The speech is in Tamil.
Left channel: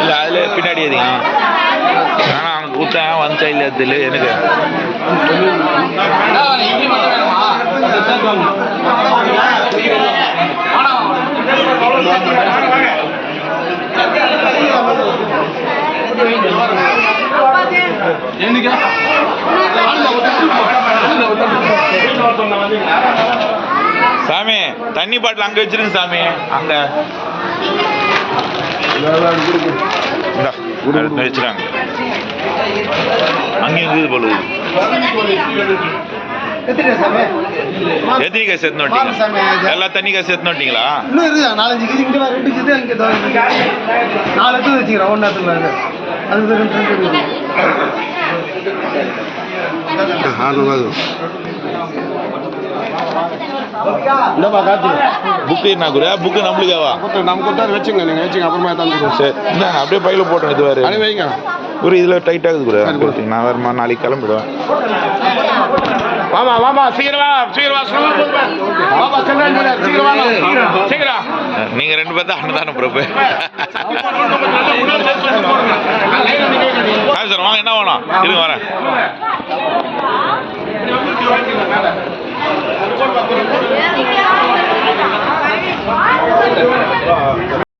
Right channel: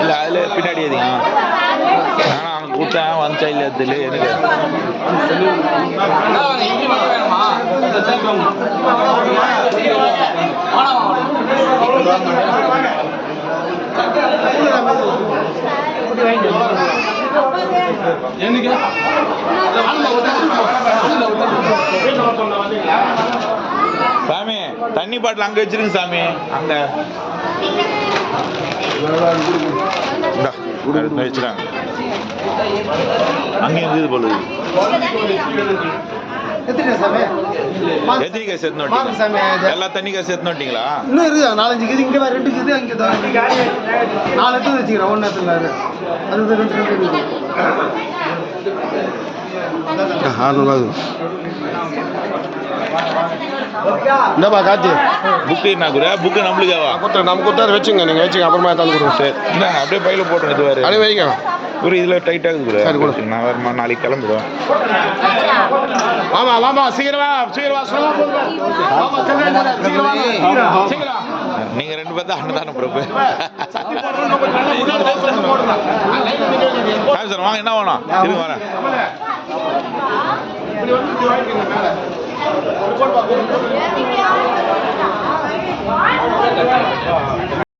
இல்லை அதில் பின்னாடி எதுங்க ஆனால் அவனுக்கு கொடுத்தேன் வந்துச்சா இல்லை தெரியல எனக்கு. சாமி தண்ணி பாட்டில் அங்கே வச்சிருங்க சாமி. அங்கே. வச்சுறாங்க அங்கேயும் இருக்குது போல எத்தனை காசு எடுத்து நோட்டீங்க? எல்லா தண்ணி காசு எடுத்து நோட்டீங்களா? இன்னும் இருக்கு நாலஞ்சு இது இங்கே ரெண்டு இதோ இங்க. நாலு எடுத்து வச்சுக்கிறேன் ஒன்று அது ரெண்டு. என்னப்பா காத்தி புக்கு என்ன குரு புக்கு நம்மளுக்காவா நம்ம கொடுத்தா வச்சுங்க நீங்கள் வச்சுங்க அப்புறமா தந்துக்கிறோம் சரி. இந்தாங்க, அப்படியே பையில இது வேறு அப்படியே வைங்க. குரு இதில் டைட் ஆகுது குரு. நான் வேறுமா நாளைக்கு கிளம்பிடுவேன். வாமா வாமா சீக்கிரம் சீக்கிரம் சொல்ல போதுமா வாமா சொல்லுங்க சீக்கிரம் நீங்கள் ரெண்டு பேர் தான் அண்ணன் தானே பிரபு சார் வாங்க என்ன வேணும்? இருங்க வரேன்